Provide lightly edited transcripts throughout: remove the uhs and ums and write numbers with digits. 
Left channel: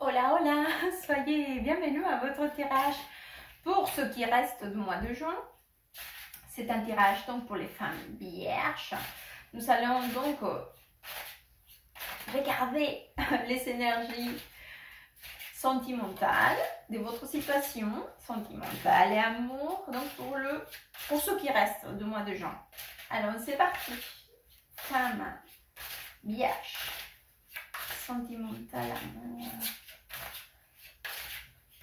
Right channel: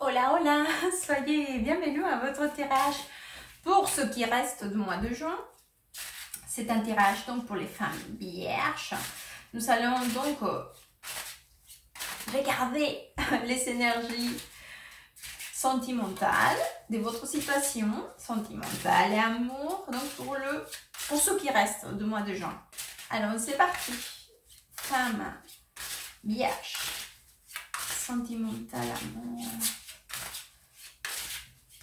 Hola, hola, soyez bienvenus à votre tirage pour ce qui reste du mois de juin. C'est un tirage donc pour les femmes vierges. Nous allons donc regarder les énergies sentimentales de votre situation sentimentale et amour donc pour ce qui reste du mois de juin. Alors c'est parti. Femme vierge, sentimentale, amour.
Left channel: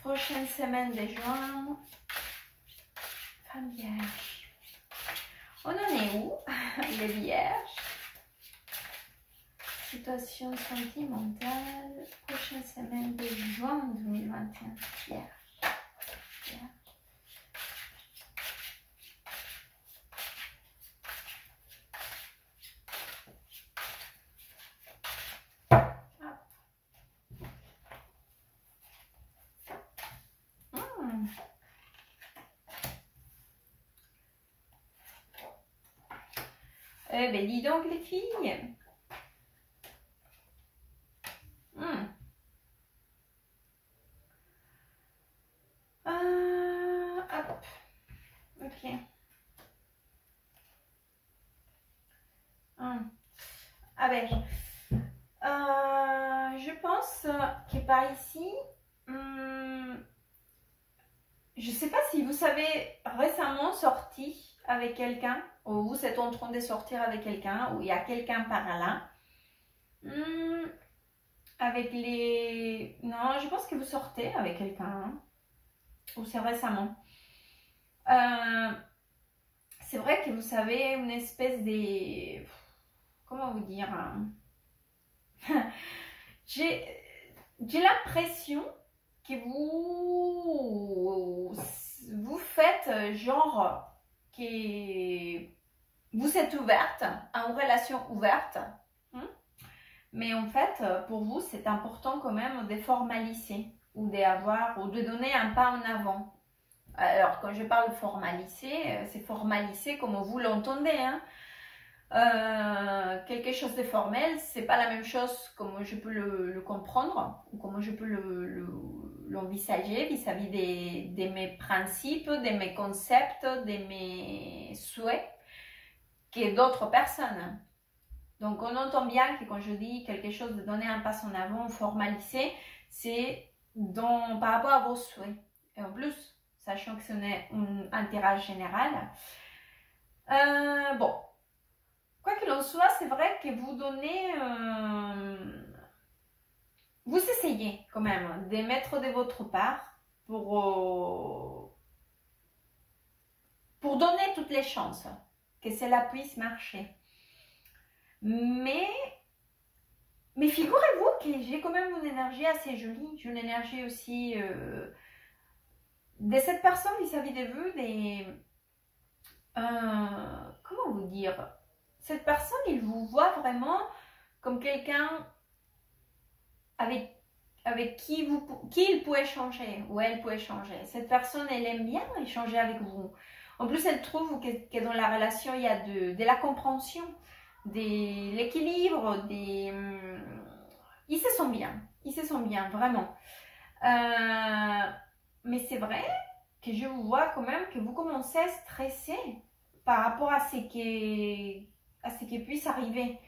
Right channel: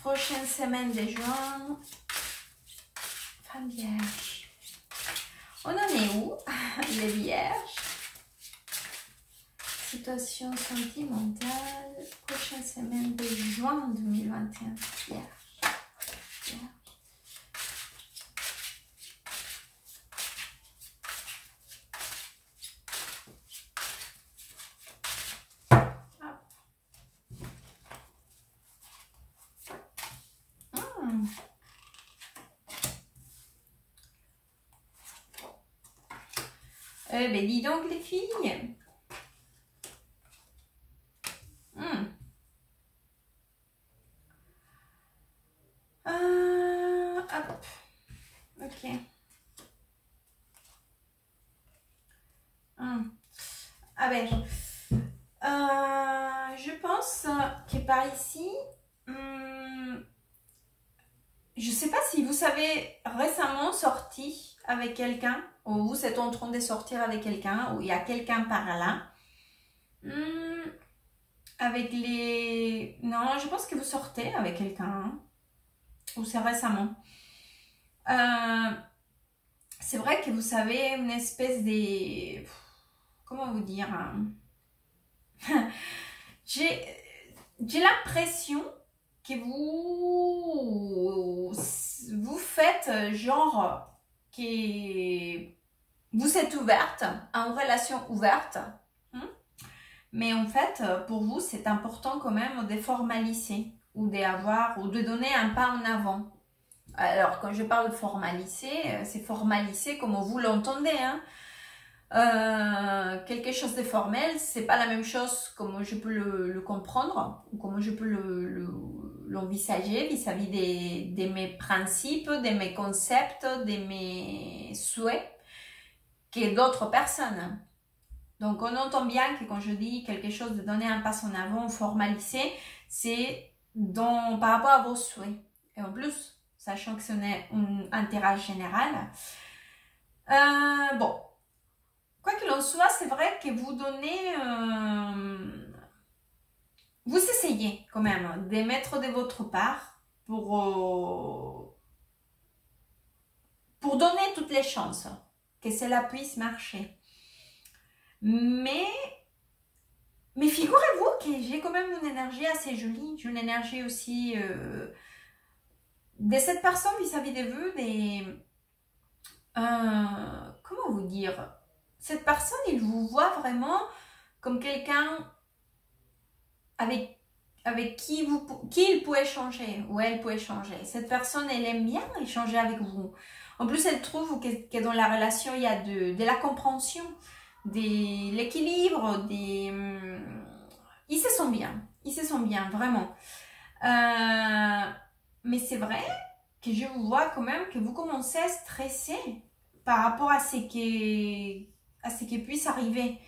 Prochaine semaine de juin, femme vierge. On en est où, les vierges? Situation sentimentale, prochaine semaine de juin 2021, vierge. Vierge. Eh bien, dis donc les filles. Hop. Ok. Ah ben, je pense que par ici, je sais pas si vous avez récemment sorti avec quelqu'un, ou vous êtes en train de sortir avec quelqu'un, ou il y a quelqu'un par là. Avec les... Non, je pense que vous sortez avec quelqu'un, hein, ou c'est récemment. C'est vrai que vous avez une espèce de... Comment vous dire, hein? J'ai l'impression que vous faites genre que vous êtes ouverte, en relation ouverte, mais en fait pour vous c'est important quand même de formaliser ou de donner un pas en avant. Alors quand je parle de formaliser, c'est formaliser comme vous l'entendez, hein. Quelque chose de formel, c'est pas la même chose comme je peux le comprendre ou comme je peux l'envisager vis-à-vis de mes principes, de mes concepts, de mes souhaits que d'autres personnes. Donc on entend bien que quand je dis quelque chose de donner un pas en avant, formaliser, c'est par rapport à vos souhaits. Et en plus, sachant que ce n'est un tirage général, bon. Quoi qu'il en soit, c'est vrai que vous donnez, vous essayez quand même de mettre de votre part pour donner toutes les chances que cela puisse marcher. Mais figurez-vous que j'ai quand même une énergie assez jolie, j'ai une énergie aussi de cette personne vis-à-vis de vous, comment vous dire? Cette personne, il vous voit vraiment comme quelqu'un avec qui il peut échanger, ou elle peut échanger. Cette personne, elle aime bien échanger avec vous. En plus, elle trouve que dans la relation, il y a de la compréhension, de l'équilibre, ils se sentent bien, vraiment. Mais c'est vrai que je vous vois quand même que vous commencez à stresser par rapport à ce qui puisse arriver.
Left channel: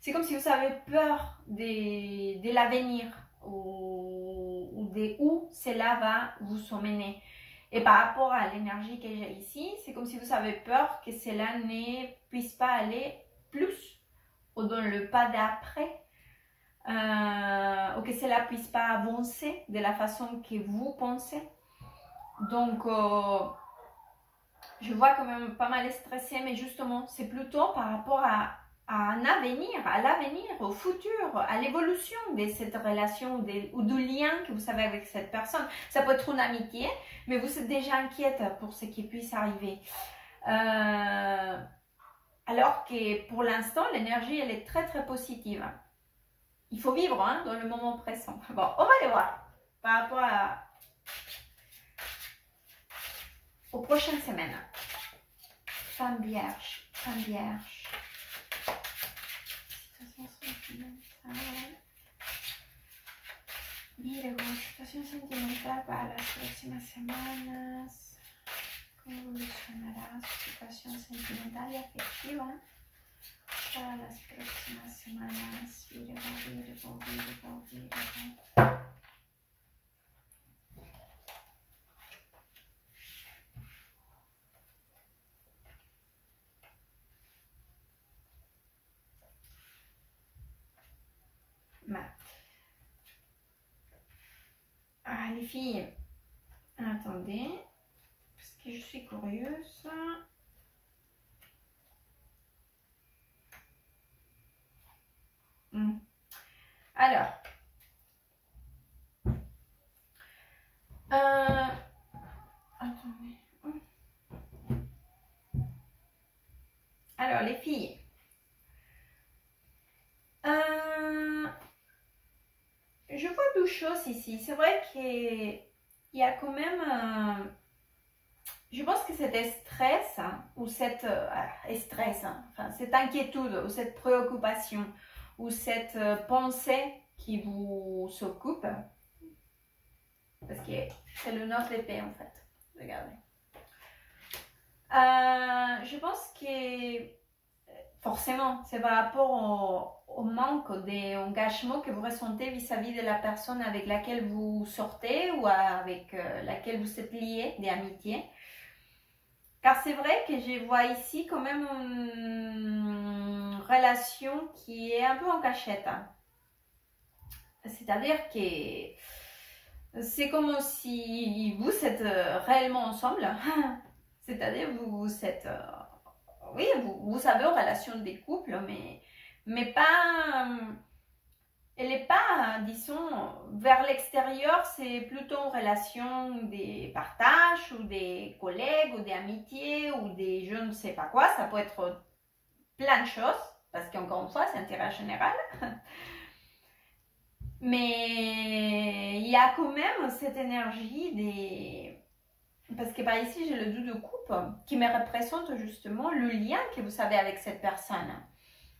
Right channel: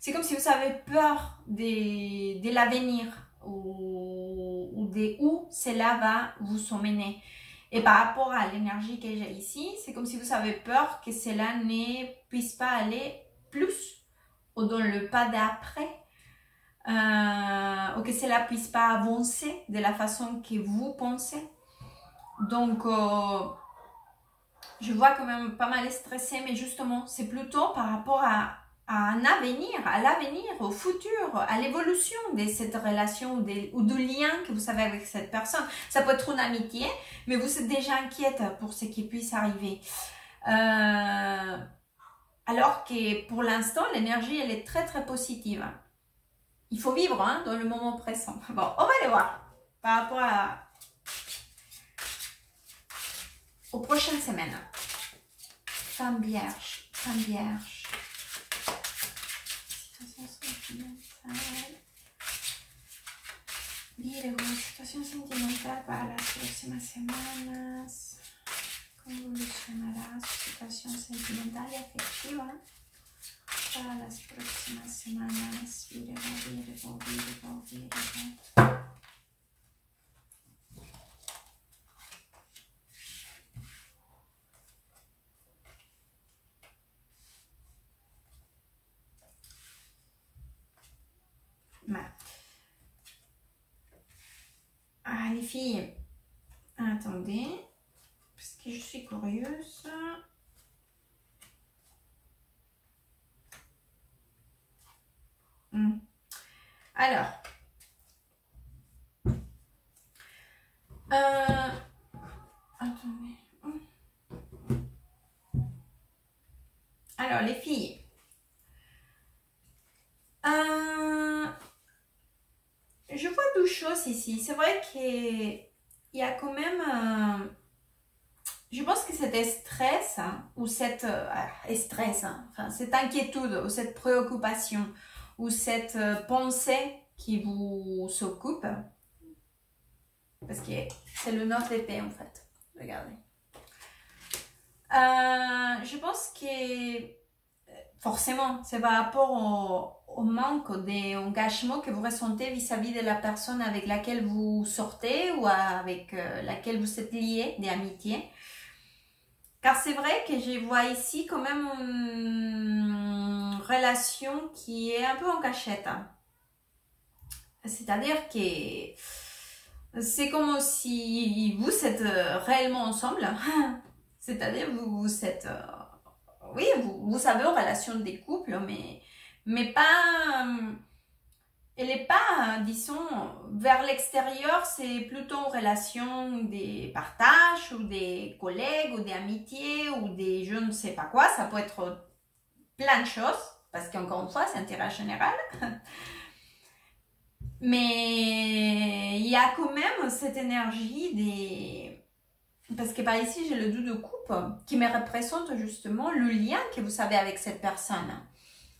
C'est comme si vous avez peur de l'avenir ou de où cela va vous emmener. Et par rapport à l'énergie que j'ai ici, c'est comme si vous avez peur que cela ne puisse pas aller plus ou dans le pas d'après, ou que cela ne puisse pas avancer de la façon que vous pensez. Donc, je vois quand même pas mal stressé, mais justement, c'est plutôt par rapport à l'avenir, au futur, à l'évolution de cette relation ou du lien que vous avez avec cette personne. Ça peut être une amitié, mais vous êtes déjà inquiète pour ce qui puisse arriver. Alors que pour l'instant, l'énergie, elle est très très positive. Il faut vivre, hein, dans le moment présent. Bon, on va aller voir par rapport aux prochaines semaines. Femme vierge, femme vierge. Situation sentimentale. Virgo, situación sentimental para las próximas semanas. ¿Cómo evolucionará su situación sentimental y afectiva para las próximas semanas? Virgo, Virgo, Virgo, Virgo. Ah, les filles, attendez, parce que je suis curieuse. Alors, attendez. Alors, les filles, je vois deux choses ici. C'est vrai qu'il y a quand même, je pense que cet stress ou cette stress, enfin, cette inquiétude ou cette préoccupation ou cette pensée qui vous s'occupe, parce que c'est le 9 d'épée en fait, regardez. Je pense que forcément, c'est par rapport au manque d'engagement que vous ressentez vis-à-vis de la personne avec laquelle vous sortez ou avec laquelle vous êtes lié, des amitiés. Car c'est vrai que je vois ici quand même une relation qui est un peu en cachette. C'est-à-dire que c'est comme si vous êtes réellement ensemble. C'est-à-dire vous êtes... oui, vous savez en relation des couples, mais pas... elle n'est pas, disons, vers l'extérieur, c'est plutôt en relation des partages ou des collègues ou des amitiés ou des je ne sais pas quoi. Ça peut être plein de choses, parce qu'encore une fois, c'est intérêt général. Mais il y a quand même cette énergie des... Parce que par ici, j'ai le 2 de coupe qui me représente justement le lien que vous avez avec cette personne.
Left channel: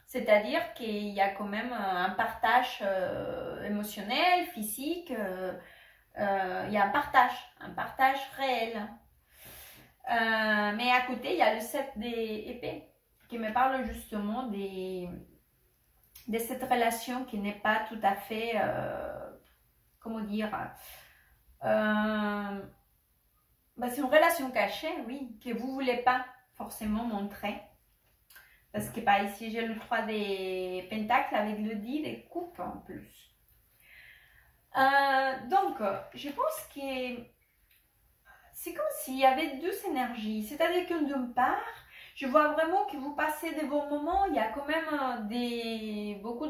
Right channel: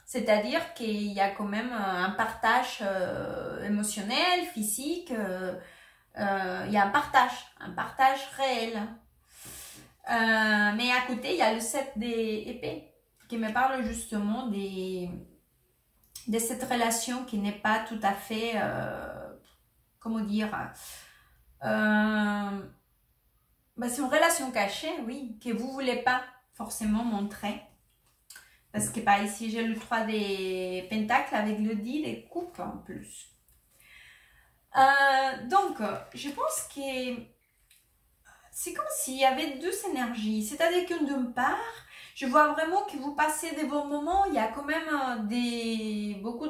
C'est-à-dire qu'il y a quand même un partage émotionnel, physique, il y a un partage réel. Mais à côté, il y a le 7 d'épée qui me parle justement de cette relation qui n'est pas tout à fait, comment dire, c'est une relation cachée, oui, que vous ne voulez pas forcément montrer. Parce que par ici, j'ai le 3 des pentacles avec le 10 des coupes en plus. Donc, je pense que c'est comme s'il y avait deux énergies. C'est-à-dire que d'une part, je vois vraiment que vous passez des bons moments. Il y a quand même beaucoup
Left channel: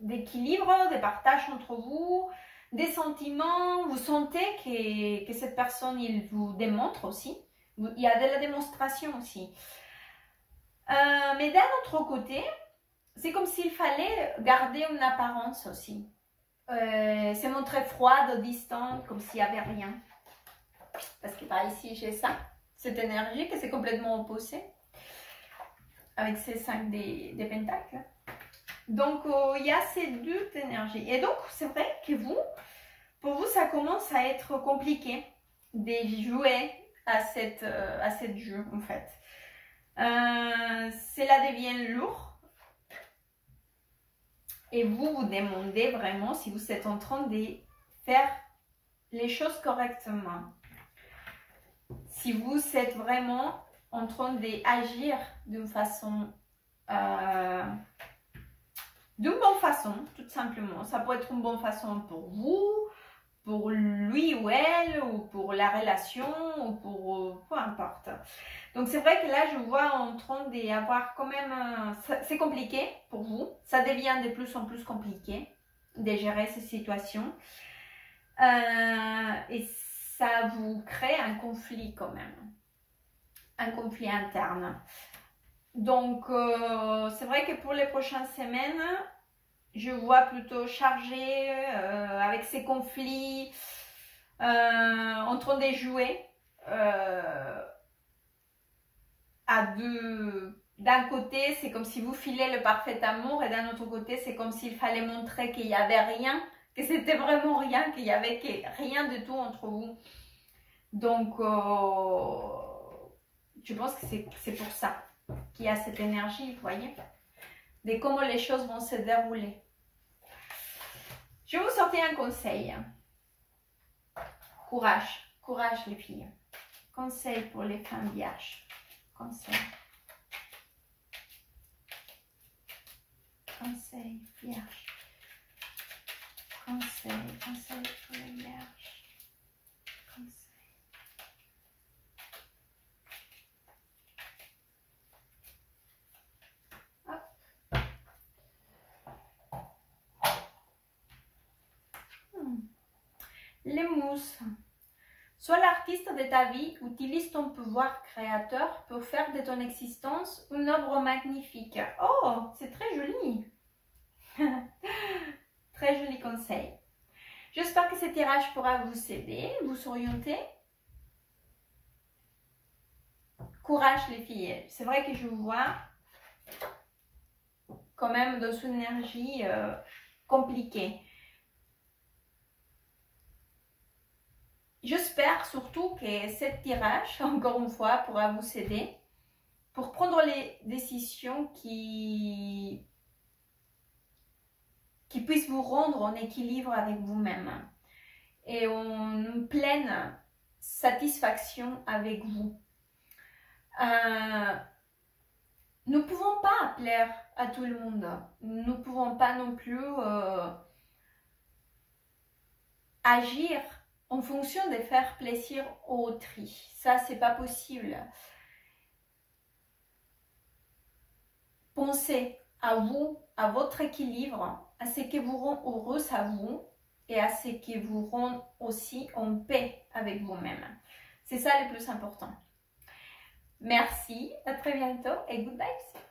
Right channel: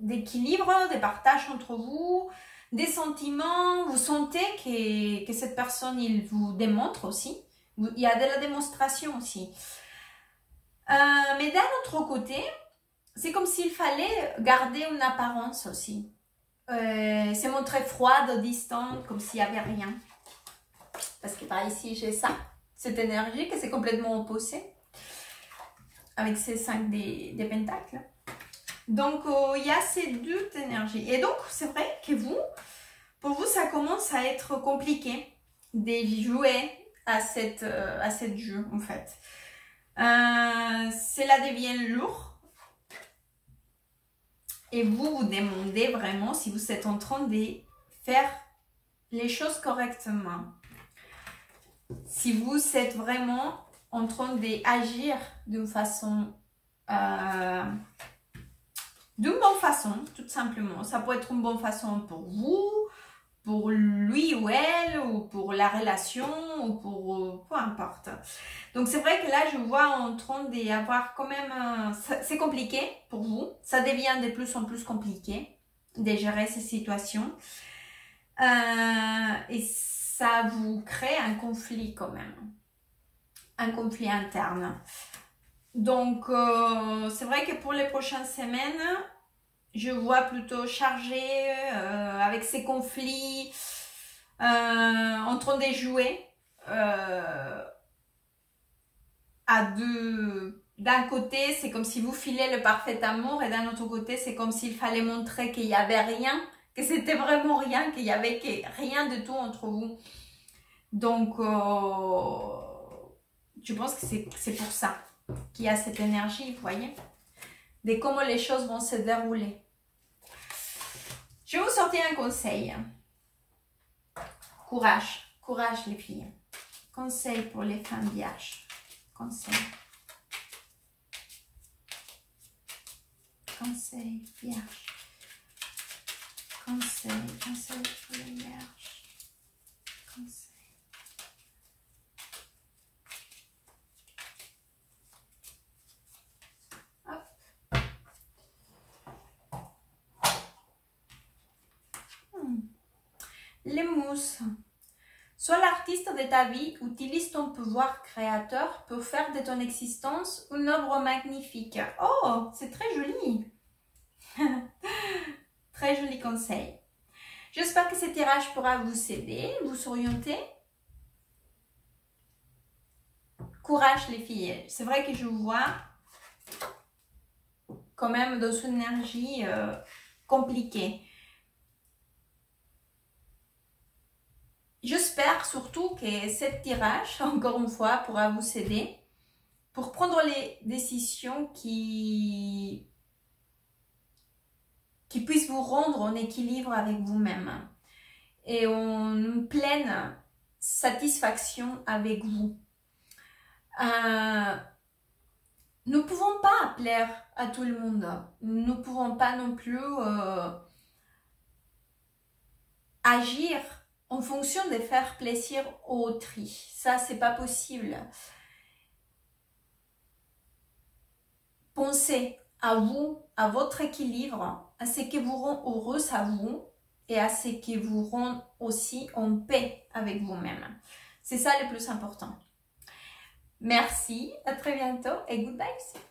d'équilibre, de partage entre vous, des sentiments. Vous sentez que cette personne, il vous démontre aussi. Il y a de la démonstration aussi. Mais d'un autre côté, c'est comme s'il fallait garder une apparence aussi. Se montrer froide, distante, comme s'il n'y avait rien. Parce que par ici, j'ai ça, cette énergie que c'est complètement opposé. Avec ces 5 des pentacles. Donc, il y a ces deux énergies. Et donc, c'est vrai que pour vous, ça commence à être compliqué de jouer à cette jeu, en fait. Cela devient lourd et vous vous demandez vraiment si vous êtes en train de faire les choses correctement, si vous êtes vraiment en train d'agir d'une façon d'une bonne façon, tout simplement. Ça peut être une bonne façon pour vous, pour lui ou elle, ou pour la relation, ou pour peu importe. Donc c'est vrai que là je vois en train d'avoir quand même, c'est compliqué pour vous, ça devient de plus en plus compliqué de gérer ces situations et ça vous crée un conflit quand même, un conflit interne. Donc c'est vrai que pour les prochaines semaines, je vois plutôt chargé avec ces conflits en train de jouer à deux. D'un côté, c'est comme si vous filez le parfait amour et d'un autre côté, c'est comme s'il fallait montrer qu'il n'y avait rien, que c'était vraiment rien, qu'il y avait rien de tout entre vous. Donc, je pense que c'est pour ça qu'il y a cette énergie, vous voyez, de comment les choses vont se dérouler. Je vais vous sortir un conseil. Courage, courage les filles. Conseil pour les femmes vierges. Conseil. Conseil vierge. Conseil pour les vierges. Conseil. Les mousses. Sois l'artiste de ta vie, utilise ton pouvoir créateur pour faire de ton existence une œuvre magnifique. Oh, c'est très joli. Très joli conseil. J'espère que ce tirage pourra vous aider, vous orienter. Courage les filles. C'est vrai que je vous vois quand même dans une énergie compliquée. J'espère surtout que ce tirage, encore une fois, pourra vous aider pour prendre les décisions qui puissent vous rendre en équilibre avec vous-même et en pleine satisfaction avec vous. Nous ne pouvons pas plaire à tout le monde. Nous ne pouvons pas non plus agir en fonction de faire plaisir aux autrui. Ça, c'est pas possible. Pensez à vous, à votre équilibre, à ce qui vous rend heureuse à vous et à ce qui vous rend aussi en paix avec vous-même. C'est ça le plus important. Merci, à très bientôt et good vibes.